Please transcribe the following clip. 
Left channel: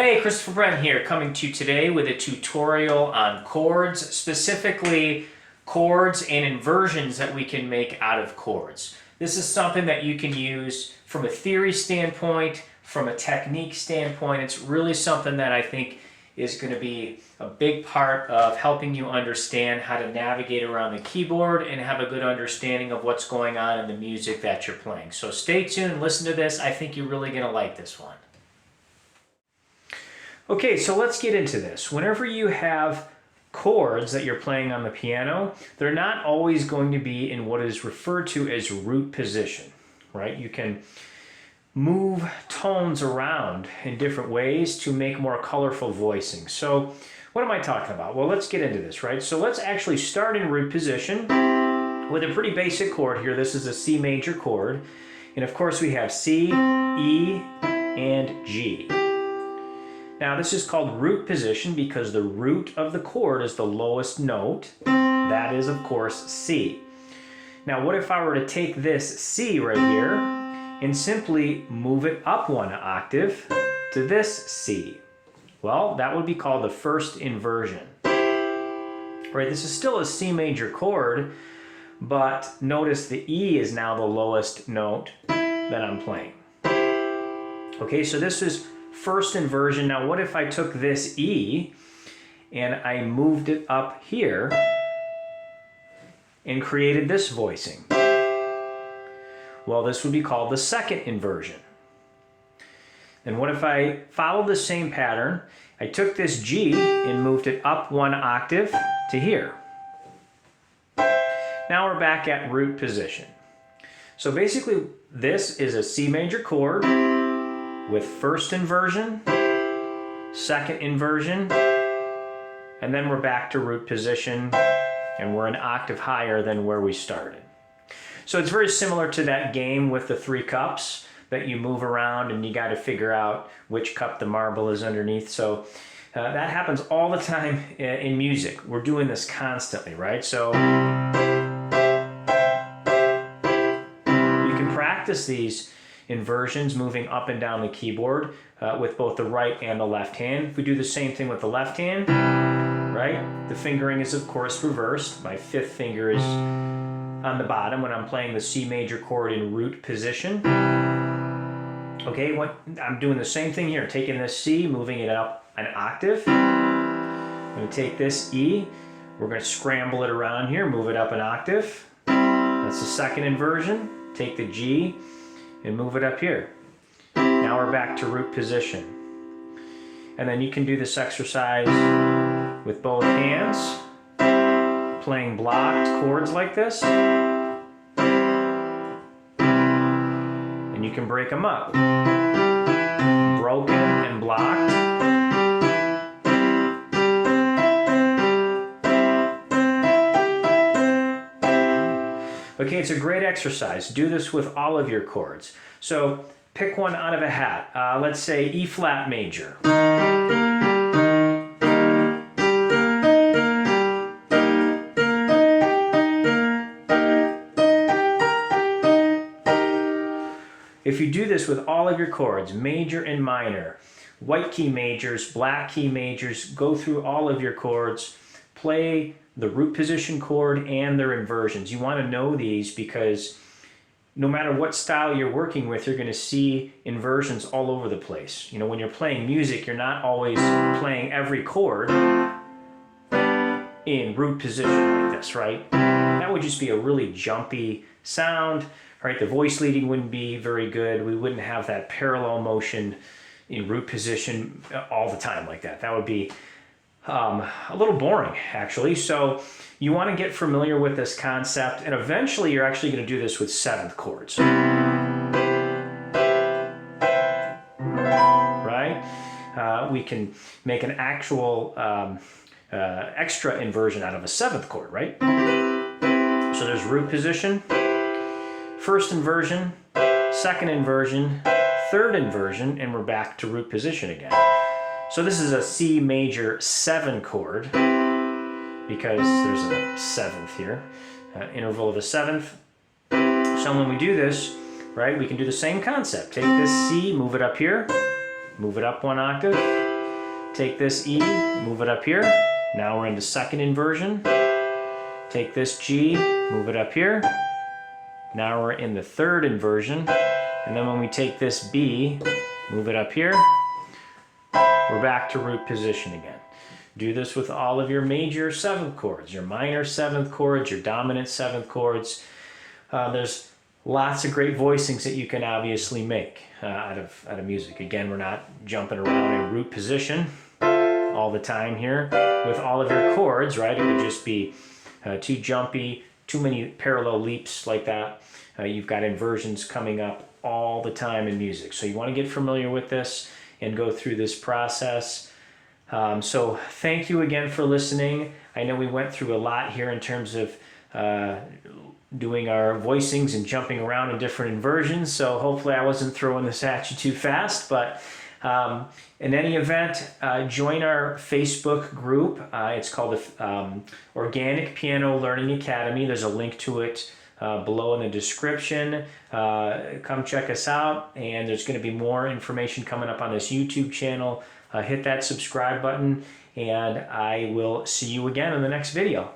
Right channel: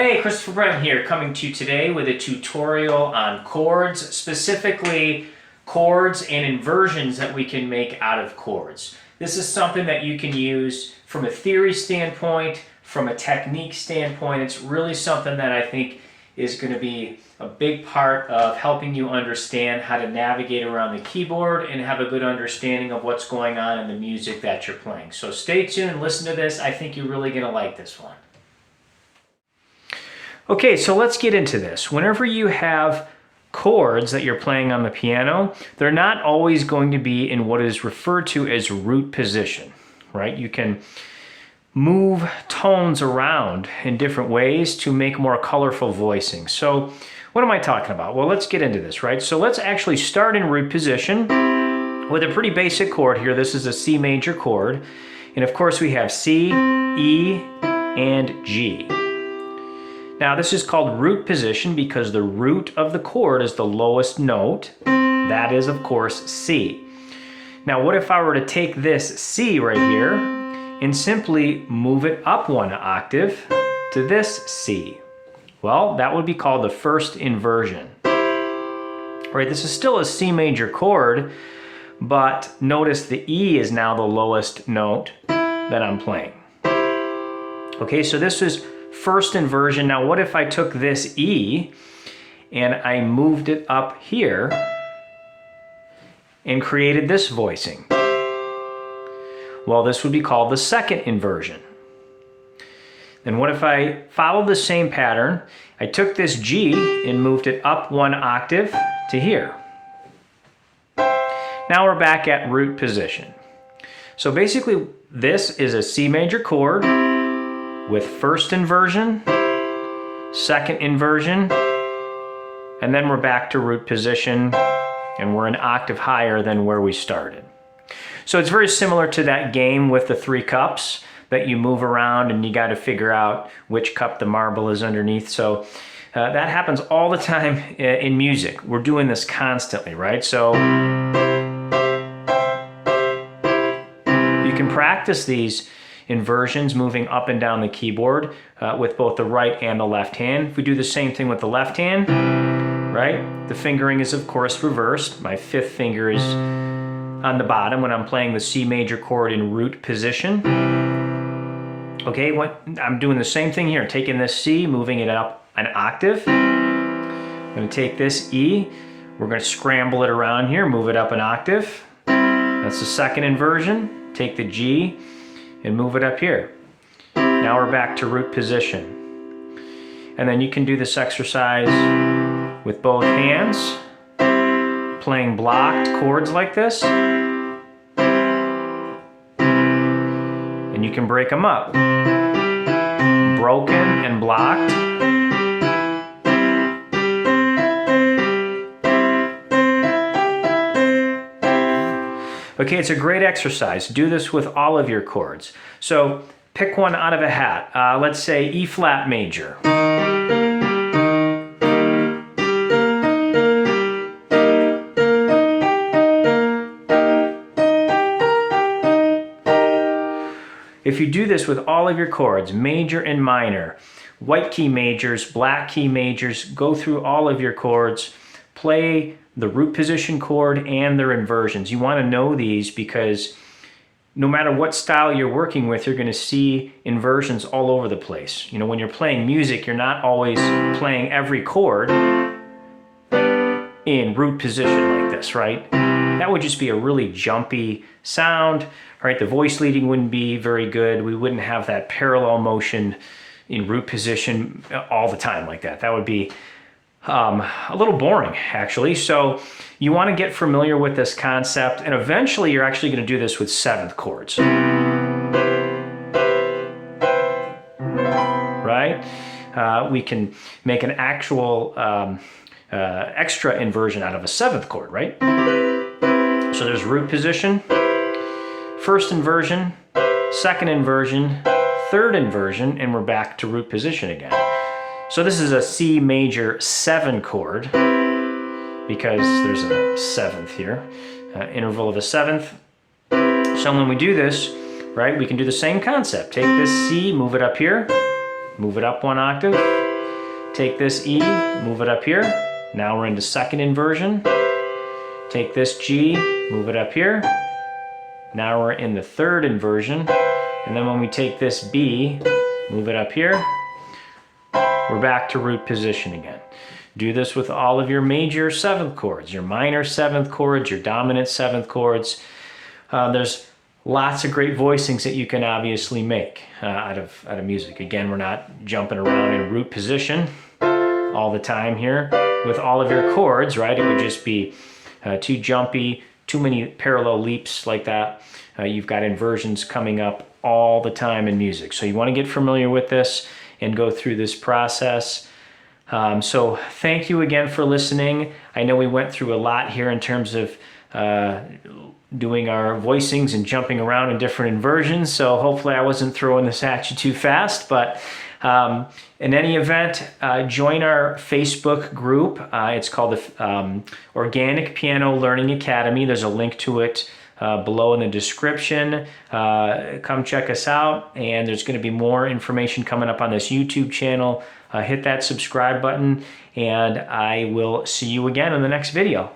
Hey, Christopher Brent here, coming to you today with a tutorial on chords, specifically chords and inversions that we can make out of chords. This is something that you can use from a theory standpoint, from a technique standpoint. It's really something that I think is going to be a big part of helping you understand how to navigate around the keyboard and have a good understanding of what's going on in the music that you're playing. So stay tuned, listen to this. I think you're really going to like this one. Okay, so let's get into this. Whenever you have chords that you're playing on the piano, they're not always going to be in what is referred to as root position, right? You can move tones around in different ways to make more colorful voicing. So what am I talking about? Well, let's get into this, right? So let's actually start in root position with a pretty basic chord here. This is a C major chord. And of course we have C, E, and G. Now this is called root position because the root of the chord is the lowest note. That is, of course, C. Now what if I were to take this C right here and simply move it up one octave to this C? Well, that would be called the first inversion. Right, this is still a C major chord, but notice the E is now the lowest note that I'm playing. Okay, so this is first inversion. Now what if I took this E and I moved it up here and created this voicing? Well, this would be called the second inversion. Then what if I followed the same pattern? I took this G and moved it up one octave to here. Now we're back at root position. So basically this is a C major chord with first inversion, second inversion, and then we're back to root position, and we're an octave higher than where we started. So it's very similar to that game with the 3 cups that you move around and you got to figure out which cup the marble is underneath. So that happens all the time in music. We're doing this constantly, right? So you can practice these inversions moving up and down the keyboard with both the right and the left hand. If we do the same thing with the left hand, right? The fingering is of course reversed. My 5th finger is on the bottom when I'm playing the C major chord in root position. Okay, I'm doing the same thing here, taking this C, moving it up an octave. I'm going to take this E, we're going to scramble it around here, move it up an octave. That's the second inversion. Take the G and move it up here. Now we're back to root position. And then you can do this exercise with both hands, playing blocked chords like this. And you can break them up. Broken and blocked. Okay, it's a great exercise. Do this with all of your chords. So pick one out of a hat. Let's say E flat major. If you do this with all of your chords, major and minor, white key majors, black key majors, go through all of your chords, play the root position chord and their inversions. You want to know these because no matter what style you're working with, you're going to see inversions all over the place. You know, when you're playing music, you're not always playing every chord in root position like this, right? That would just be a really jumpy sound, right? The voice leading wouldn't be very good. We wouldn't have that parallel motion in root position all the time like that. That would be a little boring, actually. So you want to get familiar with this concept, and eventually you're actually going to do this with 7th chords. Right? We can make an actual extra inversion out of a 7th chord, right? So there's root position, first inversion, second inversion, third inversion, and we're back to root position again. So this is a C major 7 chord because there's a 7th here, interval of a 7th. So when we do this, right, we can do the same concept. Take this C, move it up here, move it up one octave, Take this E, move it up here. Now we're into second inversion. Take this G, move it up here. Now we're in the third inversion. And then when we take this B, move it up here, we're back to root position again. Do this with all of your major seventh chords, your minor seventh chords, your dominant seventh chords. There's lots of great voicings that you can obviously make out of music. Again, we're not jumping around in root position all the time here with all of your chords, right? It would just be too jumpy, too many parallel leaps like that. You've got inversions coming up all the time in music. So you want to get familiar with this and go through this process. So thank you again for listening. I know we went through a lot here in terms of doing our voicings and jumping around in different inversions. So hopefully I wasn't throwing this at you too fast, but in any event, join our Facebook group. It's called the Organic Piano Learning Academy. There's a link to it below in the description. Come check us out, and there's going to be more information coming up on this YouTube channel. Hit that subscribe button, and I will see you again in the next video.